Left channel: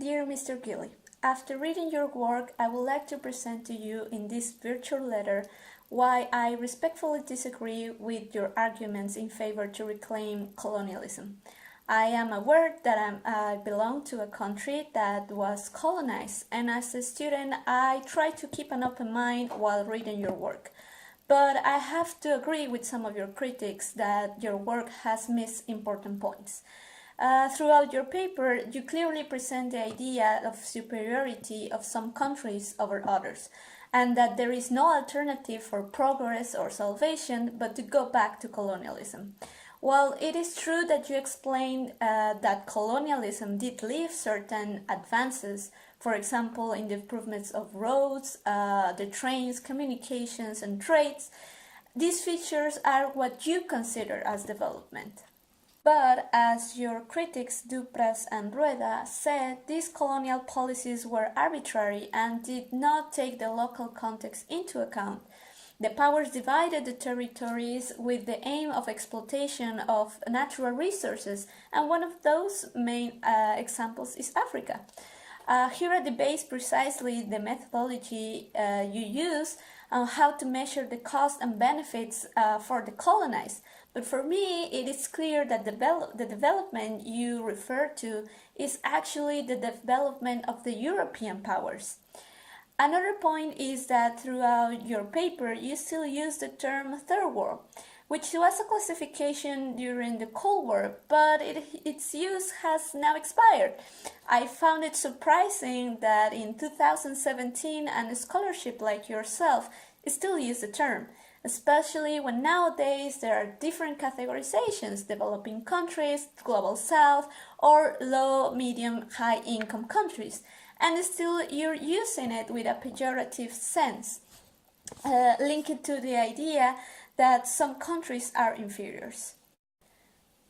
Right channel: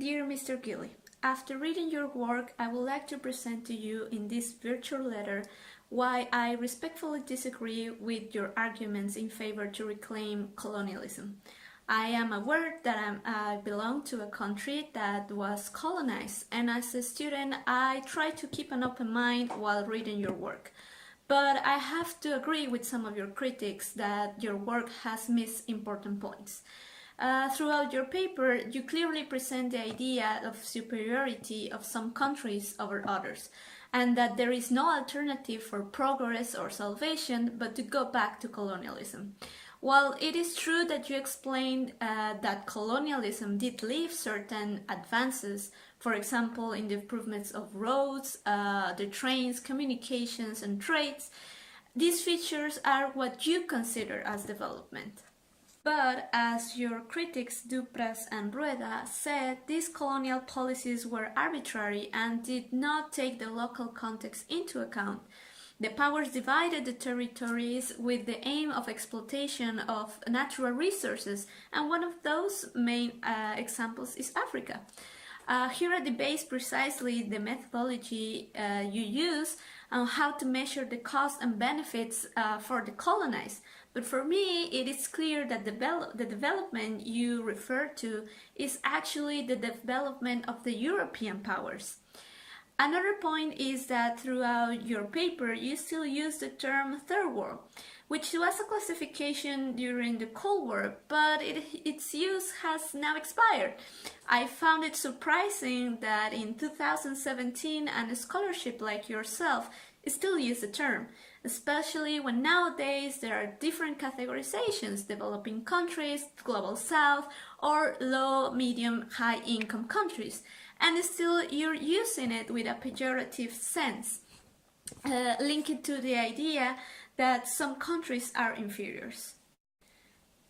Dear Mr. Gilley, after reading your work, I would like to present to you in this virtual letter why I respectfully disagree with your arguments in favor to reclaim colonialism. I am aware that I belong to a country that was colonized, and as a student, I try to keep an open mind while reading your work. But I have to agree with some of your critics that your work has missed important points. Throughout your paper, you clearly present the idea of superiority of some countries over others, and that there is no alternative for progress or salvation but to go back to colonialism. While it is true that you explained that colonialism did leave certain advances, for example, in the improvements of roads, the trains, communications, and trades, these features are what you consider as development. But as your critics Dupras and Rueda said, these colonial policies were arbitrary and did not take the local context into account. The powers divided the territories with the aim of exploitation of natural resources, and one of those main examples is Africa. Here debates precisely the methodology you use on how to measure the costs and benefits for the colonized. But for me, it is clear that the development you refer to is actually the development of the European powers. Another point is that throughout your paper, you still use the term Third World, which was a classification during the Cold War, but its use has now expired. I found it surprising that in 2017, a scholarship like yourself still use the term, especially when nowadays there are different categorizations: developing countries, global south, or low, medium, high income countries, and still you're using it with a pejorative sense, linked to the idea that some countries are inferiors.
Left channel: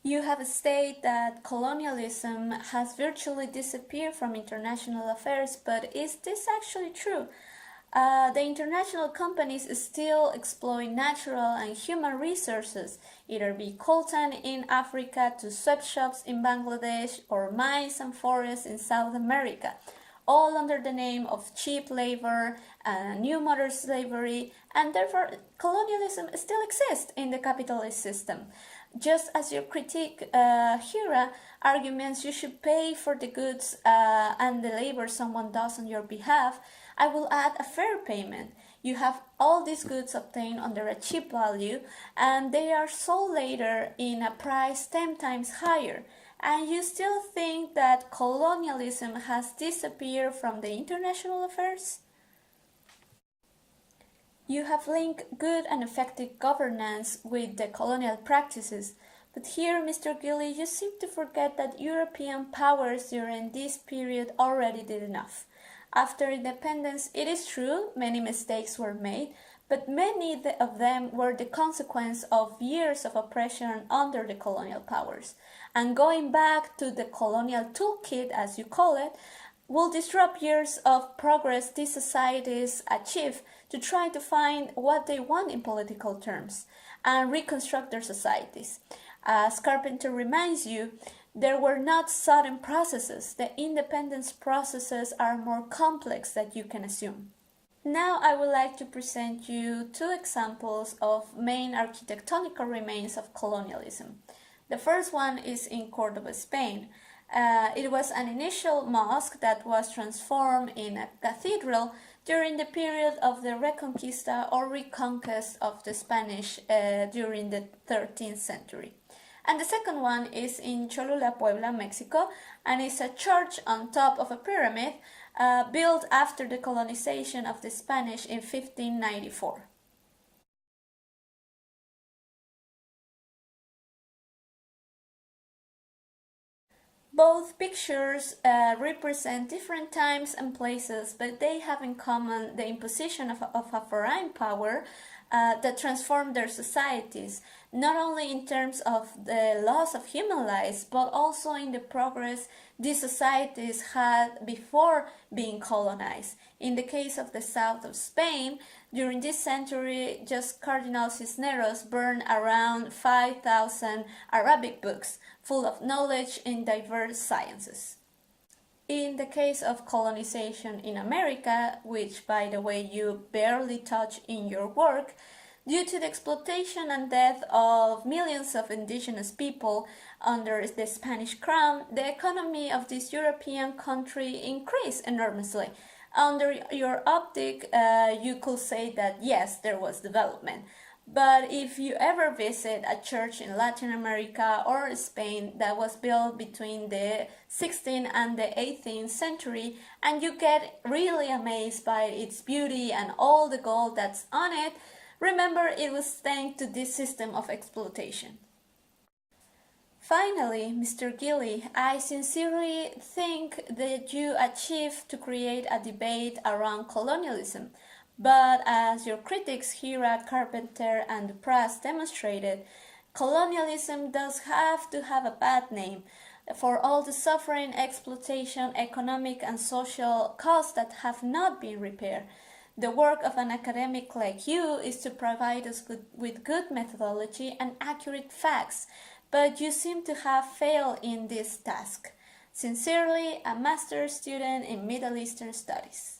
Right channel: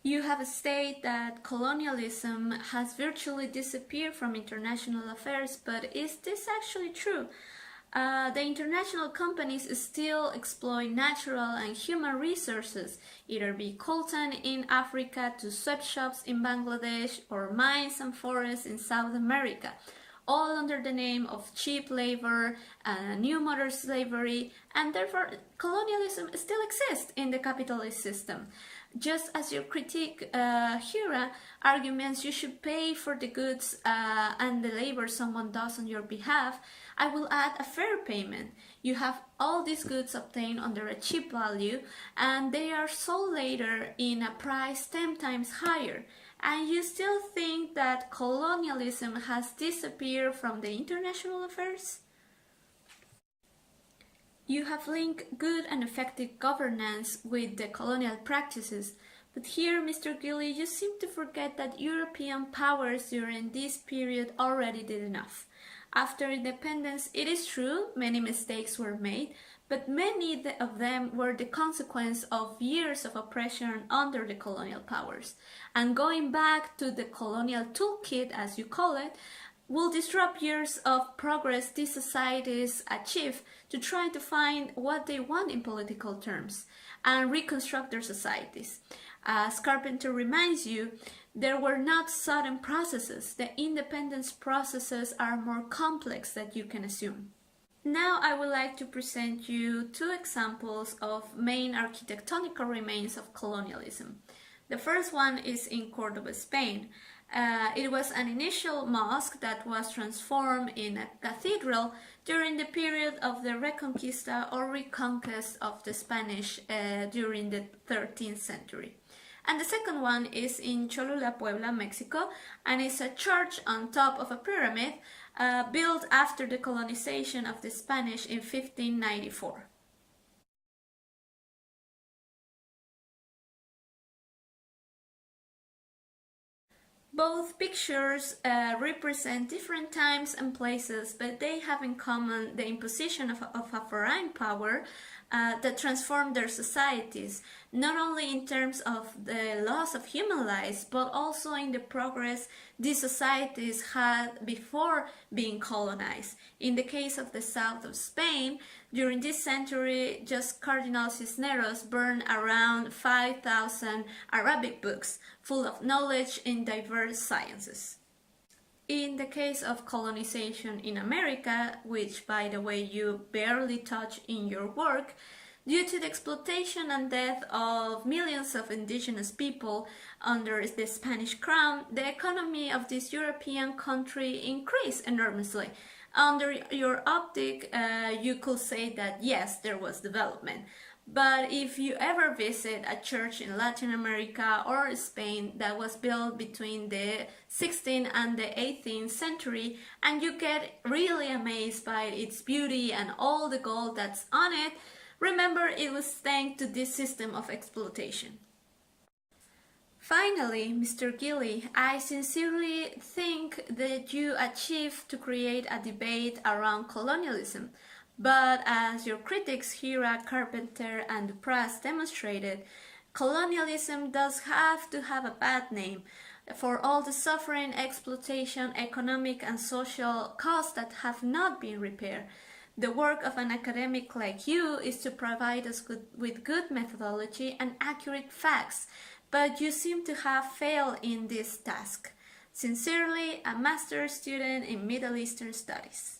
You have stated that colonialism has virtually disappeared from international affairs, but is this actually true? The international companies still exploit natural and human resources, either be coltan in Africa to sweatshops in Bangladesh or mines and forests in South America, all under the name of cheap labor, new modern slavery, and therefore colonialism still exists in the capitalist system. Just as your critique here arguments you should pay for the goods and the labor someone does on your behalf, I will add a fair payment. You have all these goods obtained under a cheap value, and they are sold later in a price 10 times higher. And you still think that colonialism has disappeared from the international affairs? You have linked good and effective governance with the colonial practices, but here, Mr. Gilley, you seem to forget that European powers during this period already did enough. After independence, it is true, many mistakes were made, but many of them were the consequence of years of oppression under the colonial powers. And going back to the colonial toolkit, as you call it, will disrupt years of progress these societies achieve to try to find what they want in political terms and reconstruct their societies. As Carpenter reminds you, there were not sudden processes. The independence processes are more complex than you can assume. Now I would like to present you two examples of main architectonical remains of colonialism. The first one is in Cordoba, Spain. It was an initial mosque that was transformed in a cathedral during the period of the Reconquista or reconquest of the Spanish during the 13th century. And the second one is in Cholula, Puebla, Mexico, and it's a church on top of a pyramid built after the colonization of the Spanish in 1594. Both pictures represent different times and places, but they have in common the imposition of a foreign power that transformed their societies, not only in terms of the loss of human lives, but also in the progress these societies had before being colonized. In the case of the south of Spain, during this century, just Cardinal Cisneros burned around 5,000 Arabic books full of knowledge in diverse sciences. In the case of colonization in America, which by the way you barely touch in your work, due to the exploitation and death of millions of indigenous people under the Spanish crown, the economy of this European country increased enormously. Under your optic, you could say that yes, there was development. But if you ever visit a church in Latin America or Spain that was built between the 16th and the 18th century, and you get really amazed by its beauty and all the gold that's on it, remember it was thanks to this system of exploitation. Finally, Mr. Gilley, I sincerely think that you achieved to create a debate around colonialism. But as your critics here at Carpenter and the press demonstrated, colonialism does have to have a bad name for all the suffering, exploitation, economic and social costs that have not been repaired. The work of an academic like you is to provide us with good methodology and accurate facts, but you seem to have failed in this task. Sincerely, a master's student in Middle Eastern Studies.